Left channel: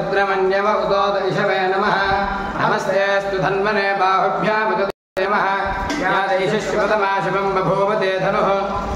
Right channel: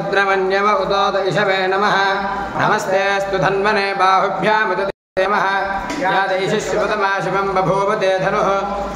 रुद्रमन्यव उदोद इषवे नमः नमस्तेऽस्तु धन्वने बाहुभ्यामुद यादैशिष्यतमा शिवं बभूव ते धनुः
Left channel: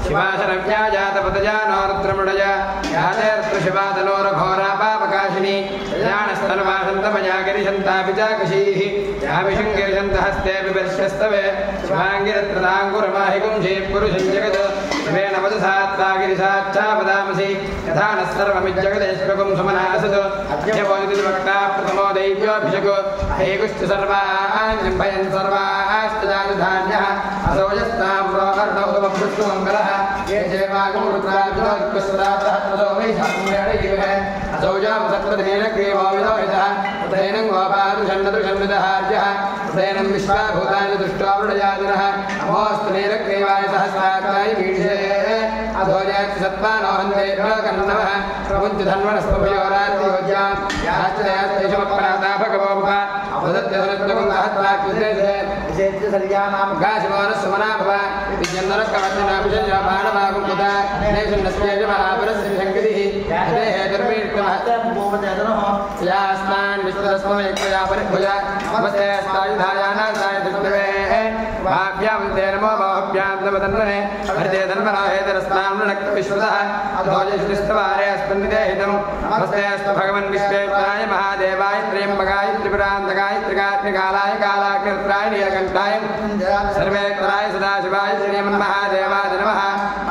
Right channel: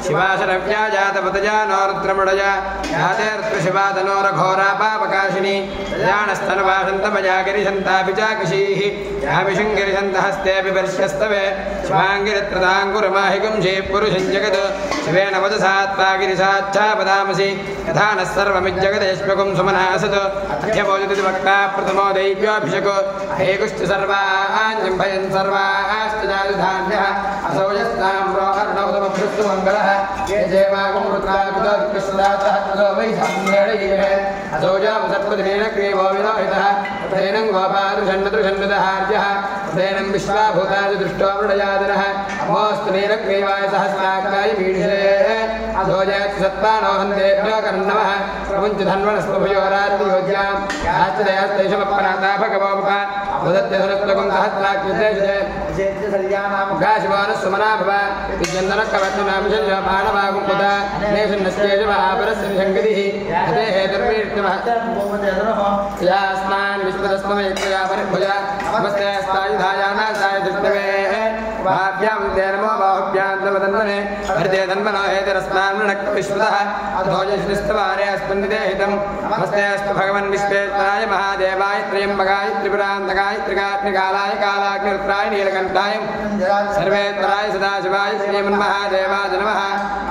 शिवाशरव्याजातपतजा नो रुद्रमुडया यातेऽर्त्रशिवातनोरघोरा पापकाशिनी प्रजानस्तनुवासन्तमया गिरिशन्ताभिजाकशीः याभिषङ्गिरिशन्तहस्तेऽपि वर्षस्तवे शिवाङ्गिरित्रदाङ्कुरमाहिकुंशे पुरुषं जगत् शिवेन वदसात्वा गिरिसाच्छापदामसि यथा नः सर्वमिज्जगदेश्वकं सुमनासत् अध्यवोदिवक्ता प्रथमो दैव्योऽभिषको हेकुश्च सर्वाण्यं भयन् सर्वाश्चजानुधान्यः असो यस्ताम्रोहर्णौतमभृस्तु मङ्गलः ये जेवागं रुद्राजुदर्कृष्णदातः असो वै साम्येणैवे असो जामसत्पदिनेन क्रियवो विरोहितः उदयनं गोपादुषन्नदुषन्विदहार्यः उदयनं विश्वाभूतानि दृष्ट्वा मृडयादिनः अमोऽस्तु नीलग्रीवाय सहस्राकाय मीढे असो जयति सत्त्वानोहन्तेभ्यो कर्णवः प्रमुञ्च धन्वनस्पभयोराज्योज्यां याश्चदयस्तैषमपराता भगवोमुखा भगवन् विश्वेश्वराय महादेवाय त्र्यम्बकाय त्रिपुरान्तकाय त्रिकालाय कालाग्निरुद्राय नीलकण्ठाय सर्वेश्वराय सदाशिवाय श्रीमन्महादेवाय नमः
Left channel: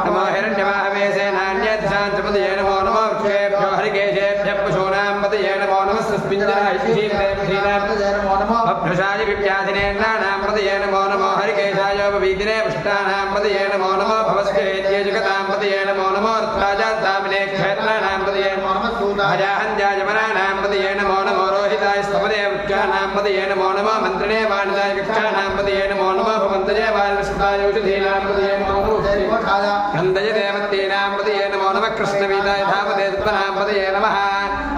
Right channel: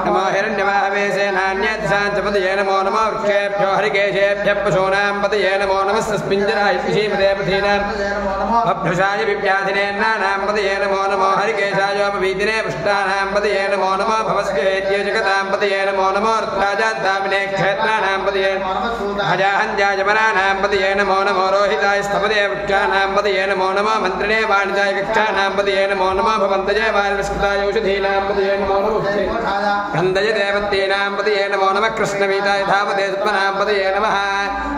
नमो हिरण्यवाहवे सेनान्येध्याञ्चपतये नमो नमो वृक्षेभ्यो हरिकेशेभ्यः पशूनां पतये नमो नमः सस्मिञ्जनाय अभ्युषाय विव्याधिने नानां पतये नमो नमो हरिकेशायोपवीतिने पुष्टानां पतये नमो नमो भवस्केत्ये जगतां पतये नमो नमो ऋत्वाजाद्दामिने क्षेत्राणां पतये नमो नमः सूताहजाहन्याजमनानां पतये नमो नमो रोहिताय स्तपदे वृक्षाणां पतये नमो नमः मन्त्रणे वाणिजाय वृक्षाणां पतये नमो नमः भवन्तजे वाल्मिष्ठाय औषधीनां पतये नमो नमः नन्दय देवत्येनां पतये नमो नमः कृष्णवीताय धामते सत्तनां पतये नमः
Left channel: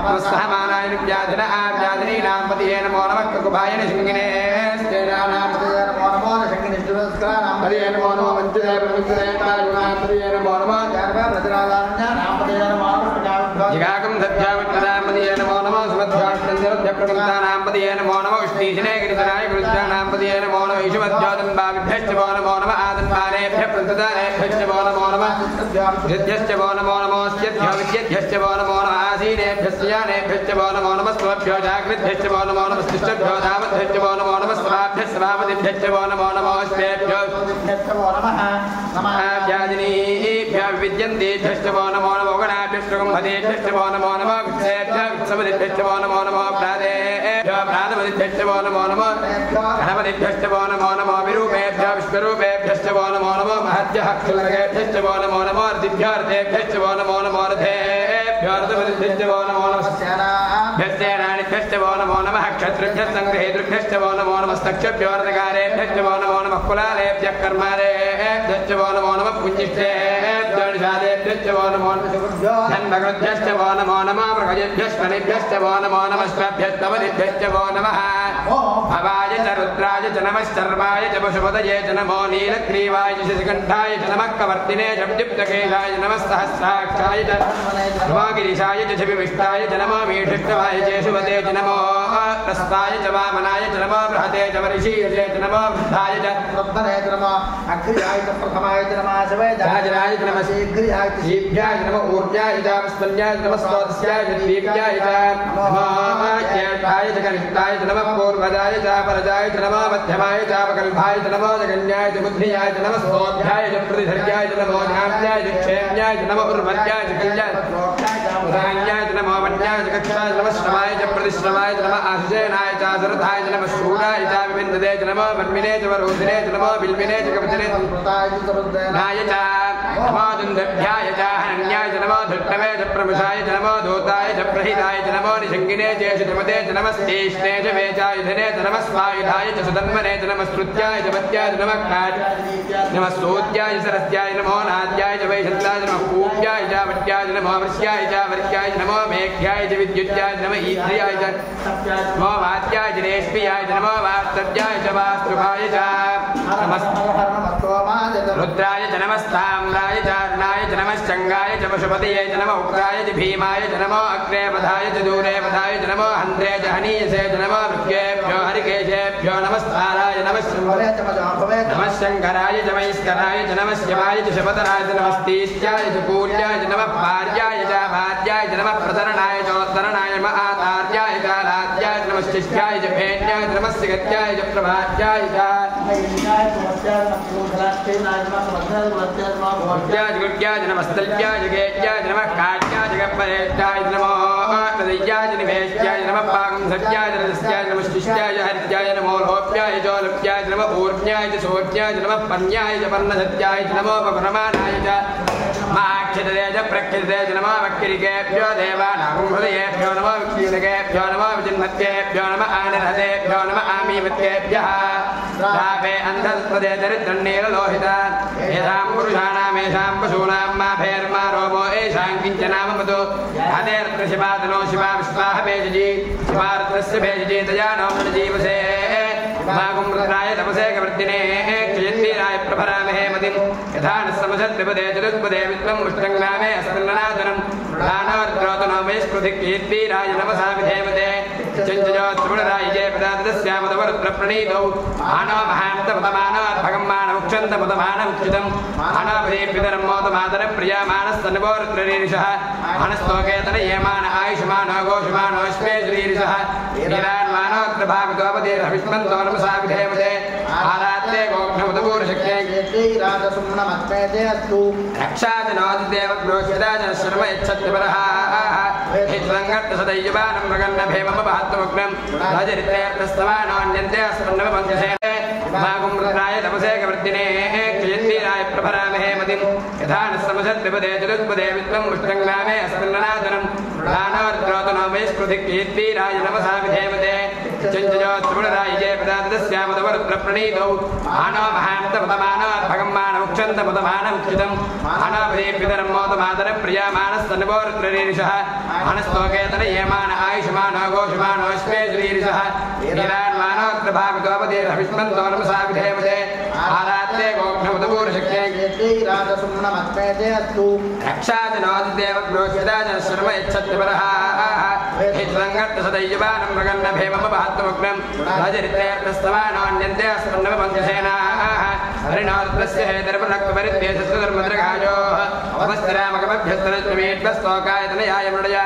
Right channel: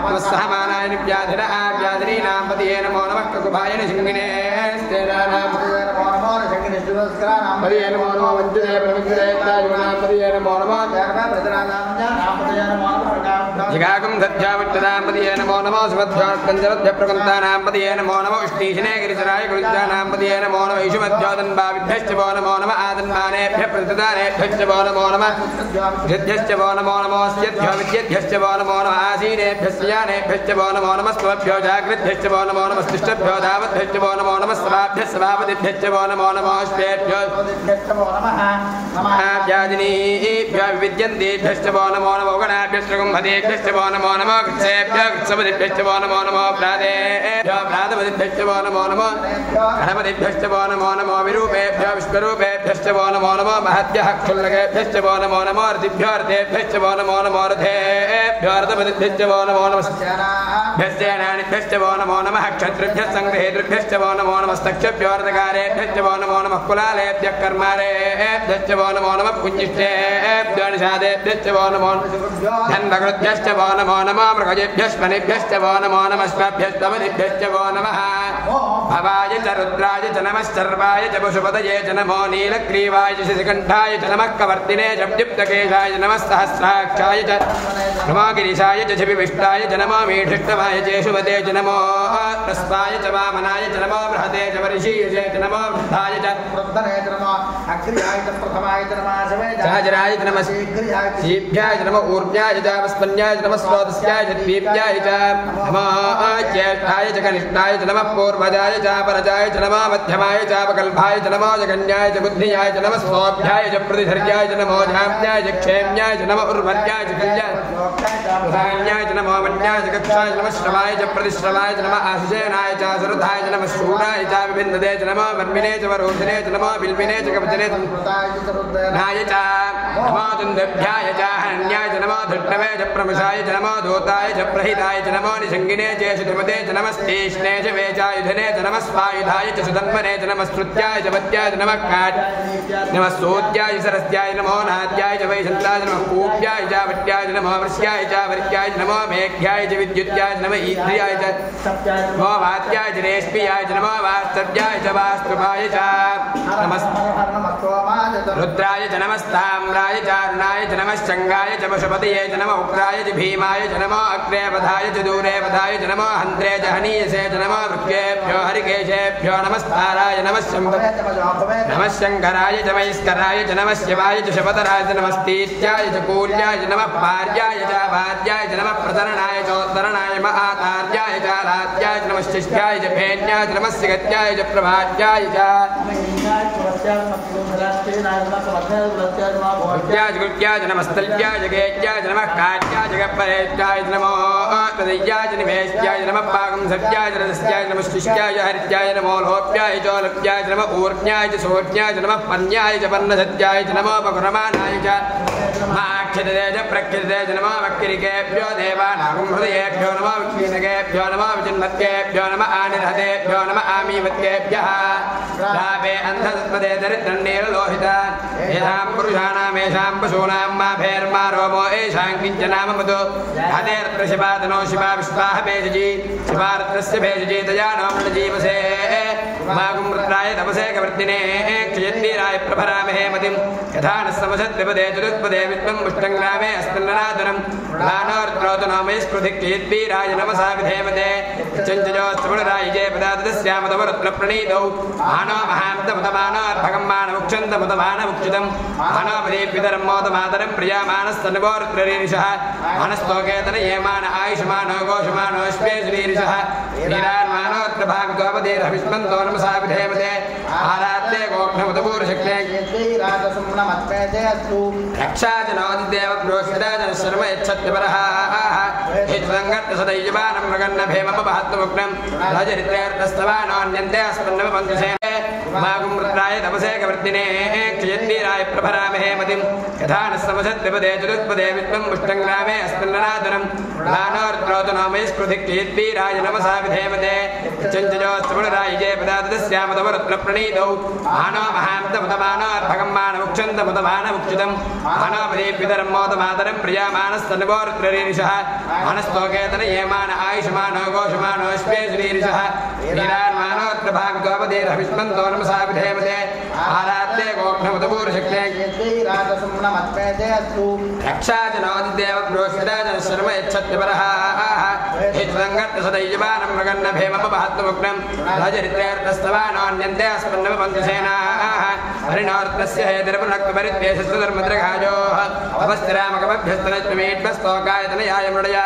नमस्सहमानाय निव्याधिन आव्याधिनीनां पतये नमो नमः ककुभाय निशिङ्गिने स्तेनानां पतये नमो नमः निशिङ्गिनिष्ठुरस्कराणां पतये नमो नमः वञ्चदे प्रविञ्चदयतायुनां पतये नमो नमः जगर्भद्राजानन्यानां पतये नमो नमः जिगाकं दध्यावट्टदां पतये नमो नमः सुमध्यास्कन्दवद्यप्रवृन्तानां पतये नमो नमः उष्णीशने गिरिधराय गुरुजानां पतये नमो नमः ईशुमध्यादन्बाविभ्यश्च वो नमो नमः आदन्बानेभ्यः प्रददानेभ्यश्च वो नमो नमः जिद्भ्यश्च वो नमो नमः स्यद्भ्यश्च वो नमो नमः आसीनेभ्यश्च यानेभ्यश्च वो नमो नमः स्वभ्यो जागृद्भ्यश्च वो नमो नमः तिष्ठभ्यो धावद्भ्यश्च वो नमो नमः स्वराभ्यः सभापतिभ्यश्च वो नमो नमः श्वेभ्यो वो नमः समाध्यादिनीभ्यः विद्यन्तेभ्यश्च वो नमो नमो गणाभ्यश्च कुम्भदेभ्यश्च वो नमो नमः कृत्सेभ्यः कृत्सपतिभ्यश्च वो नमो नमो प्रादेभ्यः प्रातपतिभ्यश्च वो नमो नमो गणपतिभ्यश्च वो नमो नमो विरूपेभ्यः विश्वरूपेभ्यश्च वो नमो नमो महद्भ्यः क्षुल्लकेभ्यश्च वो नमो नमो रतिभ्यः रथेभ्यश्च वो नमो नमो रथेभ्यः रथपतिभ्यश्च वो नमो नमः सेनानिभ्यश्च वो नमो नमः क्षत्रिभ्यः सङ्ग्रहेतृभ्यश्च वो नमो नमस्तक्षभ्यो रथकारेभ्यश्च वो नमो नमः कुलालेभ्यः कर्मारेभ्यश्च वो नमो नमः पुञ्जिष्ठेभ्यो निषादेभ्यश्च वो नमो धन्वकृभ्यश्च वो नमो नमः मृगजेभ्यश्वनिभ्यश्च वो नमो नमः स्वभ्यस्तवनिभ्यश्च वो नमः भवाय च रुद्राय च नमः सर्वाय च पशुपतये च नमो नीलग्रीवाय च शिखण्ठाय च नमः कवर्तिने च दीप्तकेशाय नमः सहस्राक्षाय च नमो गिरिशाय च शिविविष्टाय च नमो मीढिष्टवाय च शुभते च नमो प्रस्ताय च वामनाय च नमो बृहते च वर्षीयसे च नमो वृद्धाय च वृद्धने च नमो अग्र्याय च प्रथमाय च नमः शवे जाजराय च नमः शीघ्र्याय च शीभ्याय च नमो ऊर्जाय च वस्तन्याय च नमः स्वादस्याय च दीप्याय च नमो ज्येष्ठाय च कनिष्ठाय च नमः पूर्वजाय च परजाय च नमः मध्यमाय च अपकल्पाय च नमो जगन्याय च बुद्धियाय च नमः स्वाभ्याय च प्रतिधर्याय च नमो धाम्याय च क्षेम्याय च नमः उर्वज्याय च किल्याय उदान्याय च नमो वन्याय च कक्षाय च नमः श्रवाय च प्रतिश्रवाय च नमः आशुसेनाय च सरथाय च नमः शूराय च विविन्दते च नमो वन्मिने च वरोधिने च नमो बिल्विने च कपतिने च कृताय च सरुद्रनाय च नमो दुन्दभ्याय च हन्याय च नमो धृष्टवे च प्रमुषाय च नमो धूताय च प्रहिताय च नमो निषङ्गिने च शुद्रमते च नमः स्तेष्णे च वेचायुधने च नमः स्वायुधाय च सुधन्वने च नमः स्तुत्याय च वत्याय च नमः काट् नमः स्तोत्याय सरस्याय नमो नाद्याय च वैशन्ताय च नमः कूप्याय च वट्याय च नमो वृष्याय च वर्ग्याय नमो मेघ्याय च विद्युत्याय नमः ईन्द्रियाय च नमो वात्याय च रेष्म्याय च नमो वास्तव्याय च वास्तुभाय च रुद्राय च नमस्ताम्राय च अर्णाय च नमः शङ्गाय च पशुपतये च नमः उग्राय च भीमाय च नमो अग्रेपथाय च दूरेपथाय च नमो हन्त्रे च हनीयसे च नमो मृग्येभ्यो हरिकेशेभ्यो नमस्ताराय नमः शङ्कराय च मैस्कराय च नमः शिवाय च शपतराय च नमस्तीत्याय च पूर्याय च नमः पार्याय च भार्याय च नमः प्रतरणाय चोत्तरणाय महातार्याय च रात्याय च नमः शिष्याय च भेन्याय च नमः सिगत्याय च प्रभात्याय च गुड्याय च नमस्तल्याय च गेत्याय च नमः काट्याय च गप्परेत्याय च नमो तदय्याय च निवेश्याय च नमः पाकं सत्याय च रसस्याय च नमः शिष्याय च हरित्याय नमो लोप्याय च लोप्याय च नमः ऊर्ण्याय च सोर्ण्याय च नमः पन्याय च पन्नसत्याय च नमो पकुरमानाय च माक्षितते च प्रक्षितते च नमो वक्किरिकेभ्यो देवानां हृदयेभ्यो नमो विक्षीणकेभ्यो नमो विचिन्मत्तेभ्यो नमः आनिर्हतेभ्यो नमः आमीवत्तेभ्यः रावे अन्धस्पदे दरिद्रन्नीललोहितान् येषां पुरुषाणामेषां पशूनां माभेर्मा रोमो येषां किञ्चनाममतो हतेऽत्र शिवादनो शिवा विश्वाह भेषजी शिवार्त्रस्य भेषजी तया नो मृणजीवसे मागुं रुद्राय तपसे कवर्तिने क्षयन्दीराय प्रभरामहे मतिं यथा न समसद्विपदे चतुष्पदे विश्वं मुष्टङ्ग्रामे अस्मिन्ननादनं दानवर्त्रोतनो मयस्कृधिक्कीर्तीराय नमसा विधेमते चञ्चयोत्सवराय जय पदातस्यामदवरुद्रप्रणीतौ मानो महान्तमतमानोऽर्भगं मानमुक्षन्तमतमानमुक्षितं मानवदेव्यतरं मोदमातरं प्रियामानस्तनुवोरुद्ररीरिषः मानस्तोकेतन येमान आयुषमानो घोषमानोऽश्वे श्रीरिषः ीरान्मानोत्रभागतोपदेरभिष्मन्तो नमसा विधेमते आरात्ते गोघ्नमुदपूर्शक्ये श्रीराजसुम्नमत्मेते अस्तु रक्षा च नोदिदेव ग्रोष्यता च शर्म यच्छत्यपरः हित्सङ्गत्तसदैयवानं मगन्नभेमपहत्तमुग्नं रजरित्रेऽर्थस्तवानोऽन्यन्ते अस्मन्नवपङ्कसे मागुं रुद्राय तपसे कवर्तिने क्षयन्दीराय प्रभरामहे मतिं यथा न समसद्विपदे चतुष्पदे विश्वं मुष्टङ्ग्रामे अस्मिन्ननादनं दानवर्त्रोतनो मयस्कृधिक्कीर्तीराय नमसा विधेमते चञ्चयोत्सवराय जय पदातस्यामदवरुद्रप्रणीतौ मानो महान्तमतमानोऽर्भगं मानमुक्षन्तमतमानमुक्षितं मानवदेव्यतरं मोदमातरं प्रियामानस्तनुवोरुद्ररीरिषः मानस्तोकेतन येमान आयुषमानो घोषमानोऽश्वे श्रीरिषः ीरान्मानोत्रभागतोपदेरभिष्मन्तो नमसा विधेमते आरात्ते गोघ्नमुदपूर्शक्ये श्रीराजसुम्नमत्मेते अस्तु रक्षा च नोदिदेव ग्रोष्यता च शर्म यच्छत्यपरः हित्सङ्गत्तसदैयवानं मगन्नभेमपहत्तमुग्नं रजरित्रेऽर्थस्तवानोऽन्यन्ते अस्मन्नवपङ्कसेनाः हरिणोर्त्रस्य हेतिर्पलक्वपरिद्वेषस्य धर्मद्रघायोः अपस्थिरामकमभ्यस्तनत्वमेभ्यस्तोकायतनयाय मृडय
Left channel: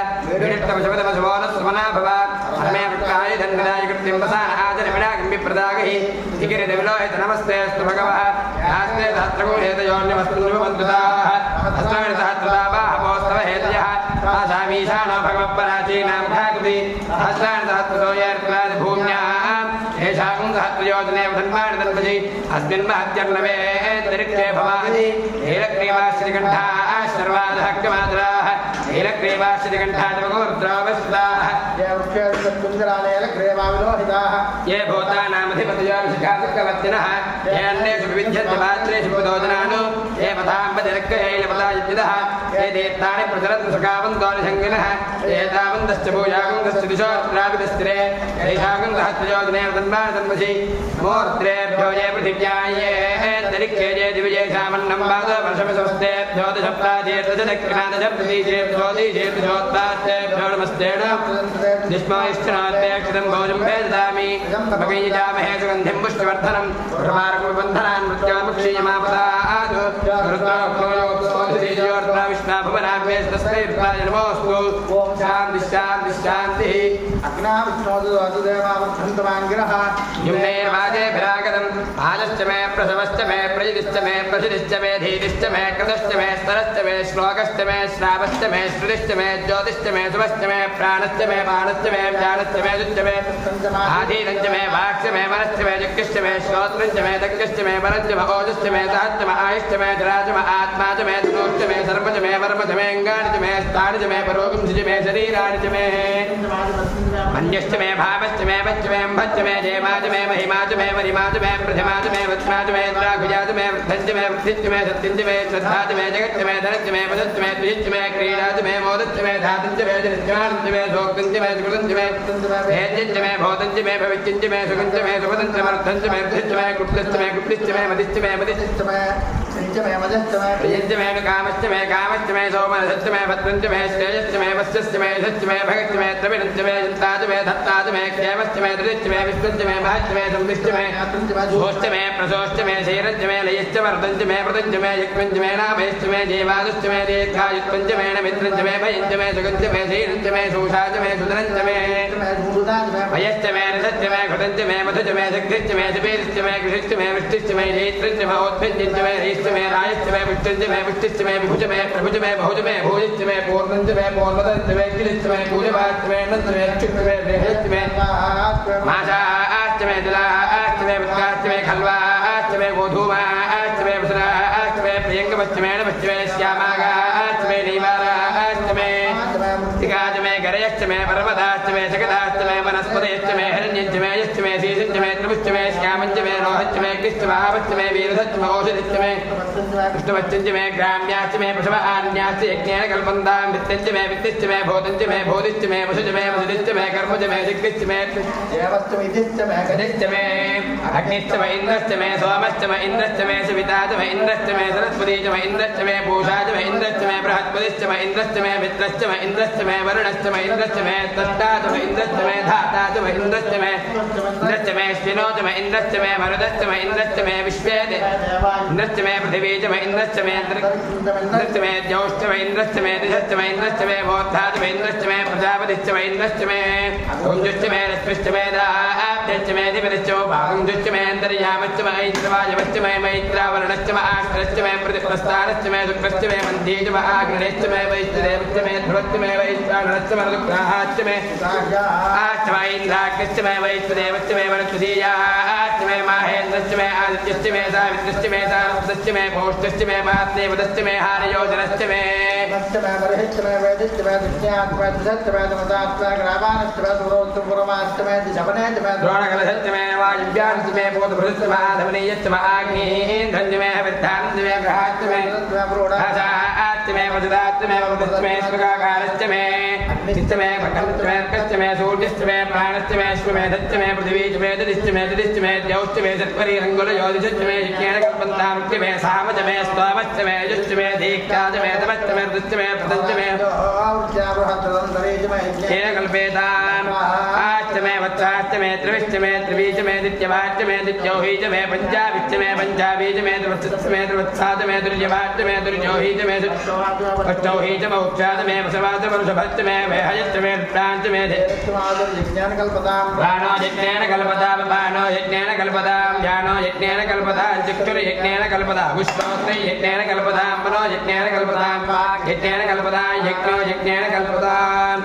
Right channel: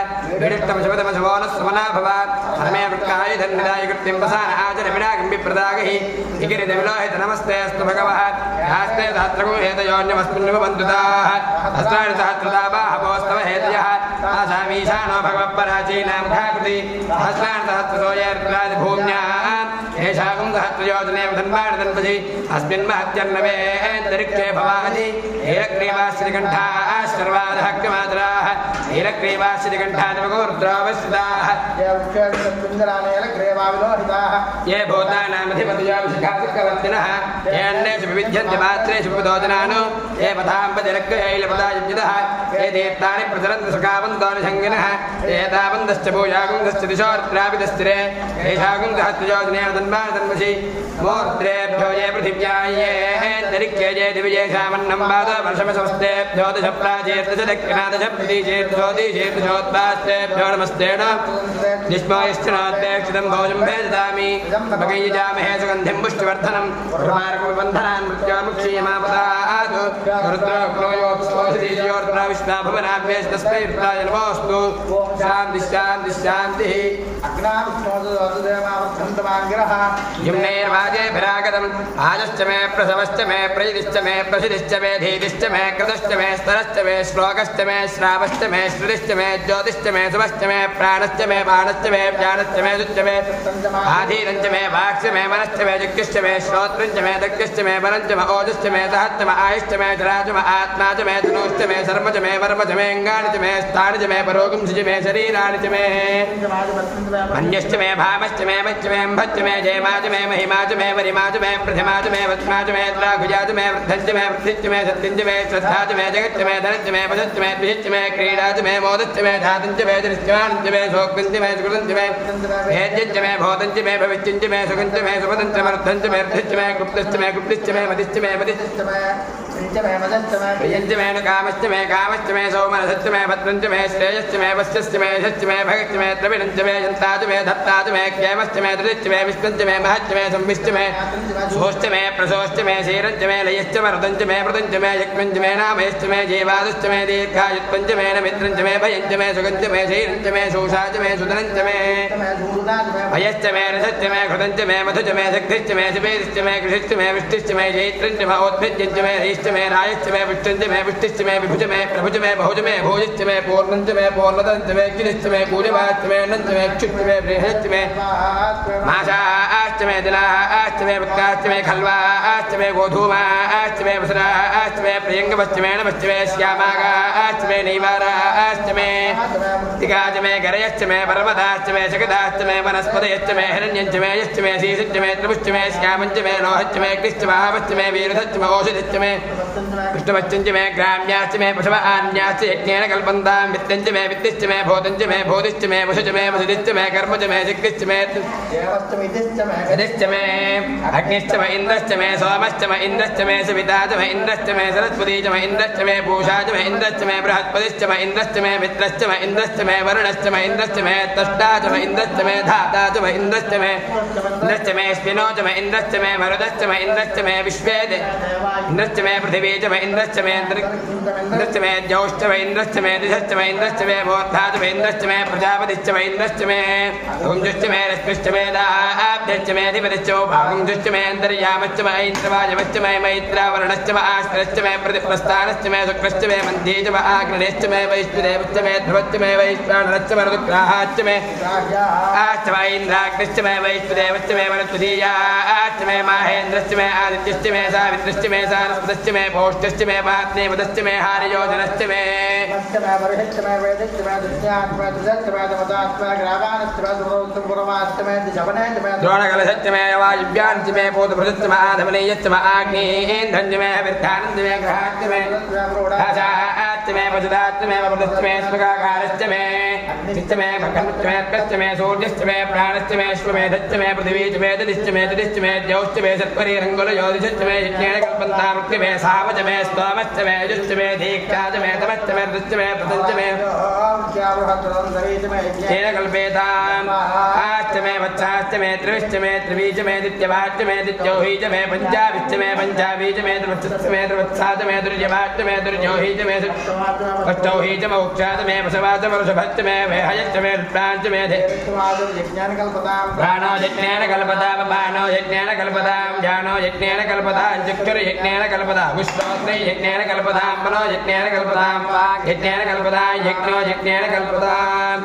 विडित्तमशपदमशवोनस्वमना भव हरमे वृक्काय धन्विदाय कृत्यं वसान आचरविडागं विप्रदागहि विकिरितविलोहित नमस्ते अस्तु भगवः यास्ते सहस्रगुणेतयोन्यमस्मिन्नुवन्तुताः हस्तानि सहस्रदाबाहवोस्तव हेतयः आसामीशानो भगवत्पराचीनां भागति सहस्राणि सहस्रसोयर्त्रादिभूम्याम् येषागं सहस्रयोजनेव धन्वानि धन्वसि अस्मिन् महत्यर्णवे तरिक्षे भवादि नीलग्रीवाश्रीकण्ठाः शर्वादहक्यमात्राः नीलग्रीवाश्रीकण्ठादिवगोर्द्रावश्रिताः ये भूतानामधिपतयोभिषिखासुकवर्तिनः ये अन्नेषु विविध्यन्त्यमात्रेषु पुदोजनानो ये पथाम्बतिरक्तहैलपदायुज्यतः ये तीर्थानि प्रचरन्तु सखावन्तोऽभिसङ्गिनः ये तावन्तश्च भूयागुङ्गश्च दिशोर्त्राविदस्थिरे येषागुङ्गहस्त्रयोजनेव धन्वानि धन्वसि मोर्त्रेभ्यो ये पृथिव्याये तरिक्षे ये दिविजेषामन्नं पादवर्षमस्वस्तेभ्यो दशप्राचेर्दशदक्षिणादशप्रतीचेर्दोदीचेर्दशोत्पास्तेभ्यो नमस्तेन निष्मायश्चनात्यक्षितं भोजं भेददामि भगीजामहे सुगन्धिं पुष्टिवर्धनं प्रमार्गबन्धनान् मृत्योर्मुक्षीयमापदात् रुद्रोक्तोयोक्तोऽधियोर्त्राविष्णाभुवनाभ्येस्तस्मै रुद्राय नमोऽस्तु शान्ति शान्ति शान्तिः अग्नाविष्णोदुदेवावृद्धन्तमाङ्गिरः यम्नेर्वाजेभिरागरम् आजश्च मे प्रसवश्च मे प्रजितिश्च मे प्रसिद्धिश्च मे धीतिश्च मे कृतश्च मे स्तरश्च मे श्लोकश्च मे श्रावश्च मे श्रुतिश्च मे ज्योतिश्च मे शुभश्च मे प्राणश्च मे बाणश्च मे ज्ञानश्च मे दुश्च मे आधीनञ्च मे वाक्श्च मे मनश्च मे दिक्श्च मे श्रोत्रञ्च मे दक्षश्च मे वरञ्च मे ओजश्च मे सहश्च मे आयुश्च मे जराज मे आत्मा च मे तनूश्च मे सर्वच मे वर्मच मे अङ्गानि च मे स्थानि च मे परोगंसि च मे शरीराणि च मे अन्यश्च मे भावश्च मे वच्च मे अम्भश्च मे जयमा च मे महिमा च मे वरिमा च मे प्रथिमा च मे वत्मा च मे द्राघुजा च मे वृद्धञ्च मे वृद्धिश्च मे सत्यञ्च मे श्रद्धा च मे जगच्च मे धनश्च मे पदश्च मे द्विजश्च मे क्रीडा च मे मोदच्च मे धातुञ्च मे दृश्चाञ्च मे शोकञ्च मे सुकृतञ्च मे हेज्यञ्च मे भोतञ्च मे भविष्यञ्च मे सुखञ्च मे सुपदञ्च मर्धञ्च मे र्धिश्च मे गुप्तश्च मे गुप्तिश्च मे मदिश्च मे मदिश्च मे प्रियञ्च मे कामश्च मे कामश्च मे सौमनसश्च मे भद्रञ्च मे श्रेयश्च मे वस्यश्च मे यशश्च मे भगश्च मे द्रविणञ्च मे जन्ताच मे धत्ताच मे क्षेमश्च मे दृश्च मे विष्णुश्च मे महश्च मे संविश्च मे सोश्च मे प्रसोश्च मे क्षीरञ्च मे लयश्च मे ऋतञ्च मे मृतञ्च मे यक्ष्मञ्च मे नामयश्च मे जीवादश्च मे दीर्घायुत्वञ्च मे नमित्रञ्च मे भयञ्च मे सुगञ्च मे क्षीरञ्च मे शोषाच मे सुधनञ्च मे भयश्च मे रसश्च मे घृतञ्च मे मधुच मे शक्तिश्च मे शिपेश्च मे कृषिश्च मे वृष्टिश्च मे जैत्रञ्च मे औत्भ्यञ्च मे रयिश्च मे रायश्च मे पुष्टञ्च मे पुष्टिश्च मे विभुज मे प्रभुज मे बहुज मे भोजिश्च मे पूर्णञ्च मे पूर्णदञ्च मे गिरिश्च मे पूर्णिमाश्च मे नञ्च मे क्षुश्च मे बृहश्च मे मासाश्च मे दिलाश्च मे पुत्राश्च मे खल्वाश्च मे गोधूमाश्च मे वसुराश्च मे प्रियङ्गमश्च मे नमश्च मे श्यामागाश्च मे नैवाराश्च मे तिगाच मे गरयश्च मे पर्वताश्च मे सकदाश्च मे वनस्पतयश्च मे हिरण्यञ्च मे यश्च मे शीशञ्च मे त्रिपुश्च मे श्यामञ्च मे रोहश्च मे कृश्च महावश्च मे वीरधश्च मे औषधिश्च मे कृष्णवच्चञ्च मे ग्राम्याश्च मे पशवान्याश्च यज्ञेन कल्पन्तां वित्तञ्च मे वित्तिश्च मे भूतञ्च मे भूतिश्च मे वशुच मे वसुदिश्च मे कर्मच मे जिग्गिश्च मे मे अग्निश्च मे इन्द्रश्च मे सोमश्च मे इन्द्रश्च मे सविताच मे इन्द्रश्च मे सरस्वतीच मे इन्द्रश्च मे पूषाच मे इन्द्रश्च मे बृहस्पतिश्च मे इन्द्रश्च मे मित्रश्च मे इन्द्रश्च मे वरुणश्च मे इन्द्रश्च मे तष्टाच मे इन्द्रश्च मे धाताच मे इन्द्रश्च मे स्पिनोच मे इन्द्रश्च मे मरुदश्च मे इन्द्रश्च मे विश्वेद इन्द्रश्च मे पृथिवी च मे इन्द्रश्च मे इन्द्रश्च मे ज्यौश्च मे इन्द्रश्च मे दिशश्च मे इन्द्रश्च मे मोर्धाच मे इन्द्रश्च मे प्रजापतिश्च मे इन्द्रश्च मे कुञ्जुश्च मे रश्मिश्च मे दाभ्यश्च मे अधिपतिश्च भागुञ्जुश्च मे अन्तर्यामश्च मे ऐन्द्रवायवश्च मे मैत्रावरणश्च मे आश्रश्च मे प्रतिप्रस्थानश्च मे शुक्रश्च मे मन्ध्येच मे आग्नेश्च मे वैष्णदेवश्च मे ध्रुवश्च मे वैश्वानश्च मे ऋग्राहाश्च मे आश्च मे इन्द्राग्निश्च मे वैष्णदेवश्च मे वनस्पतीयाश्च मे माहेन्द्रश्च मे आदित्यश्च मे सावित्रश्च मे सारस्वतश्च मे भौष्टश्च मे महात्मेवतश्च मे हारयोजनश्च मे द्रोणकलशश्च मे वायुव्याश्च मे भूतभृतश्च मे आधमनीयश्च मे आग्नेयेन्द्रश्च मे वृद्धाश्च मे ग्रहाश्च मे आशाश्च मे वज्राश्च मे वरुणश्च मे स्वर्गाकारश्च मे चित्त मे भगवश्च मे अर्कश्च मे सूर्यश्च मे प्राणश्च मे अश्वमेधश्च मे पृथिवीश्च मे ददिश्च मे ददिश्च मे द्यौश्च मे सत्परि रङ्गुलयोधिश्च मे यज्ञेन कल्पन्तां मे सामच मे स्तोमश्च मे यजुश्च मे दीक्षाच मे तपश्च मे ऋतश्च मे पतञ्च मे येन कल्पेताम् आश्च मे वत्साश्च मे त्रिविश्च मे त्रिवीच मे दित्यवाच्च मे दित्यौहीच मे पञ्चाविश्च मे पञ्चावीच मे त्रिवत्सश्च मे त्रिवत्साच मे दुर्यवाच्च मे दुर्योहीच मे अष्टौहीच मे उक्षाच मे वसवाच मे वृषभश्च मे वेहयश्च मे वृत्ताञ्च मे प्राणो यज्ञेन कल्पतां बाणो यज्ञेन कल्पतां ज्ञानो यज्ञेन कल्पतां चक्षुर यज्ञेन कल्पतां विश्वोत्रै यज्ञेन कल्पतां मनो यज्ञेन कल्पतां यज्ञेन कल्पतां यज्ञो यज्ञेन कल्पतां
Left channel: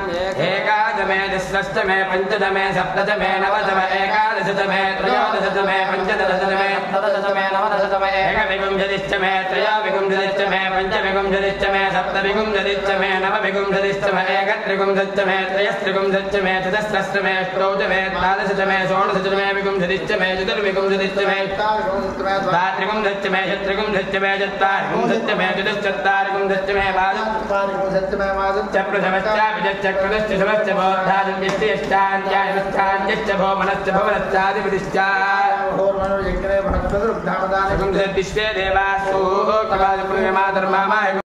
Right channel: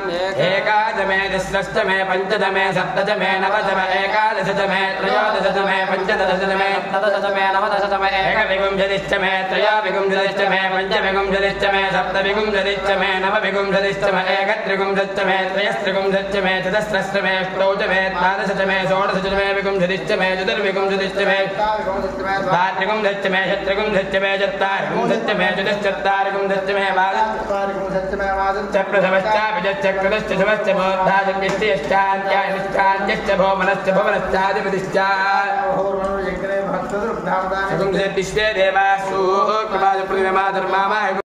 एकादश मे दशरश्च मे पञ्चदश मे सप्तदश मे नवदश मे एकादशच मे त्रयोदशच मे पञ्चदशच मे सप्तदश मे नवदशच मे एकविंशतिश्च मे त्रयोविंशतिश्च मे पञ्चविंशतिश्च मे सप्तविंशतिश्च मे नवविंशतिश्च मे एकत्रिंशच्च मे त्रयस्त्रिंशच्च मे चतस्रश्च मे अष्टौच मे द्वादशच मे षोडशच मे विंशतिश्च मे चतुर्विंशतिश्च मे द्वात्रिंशच्च मे षट्त्रिंशच्च मे चत्वारिंशच्च मे चतुश्चत्वारिंशच्च मे प्रथमश्चाभिश्च शुभश्च बोधादित्यश्चान्त्याश्चान्त्यश्च भोमनश्च भुवनश्चाधिपतिश्च देवासु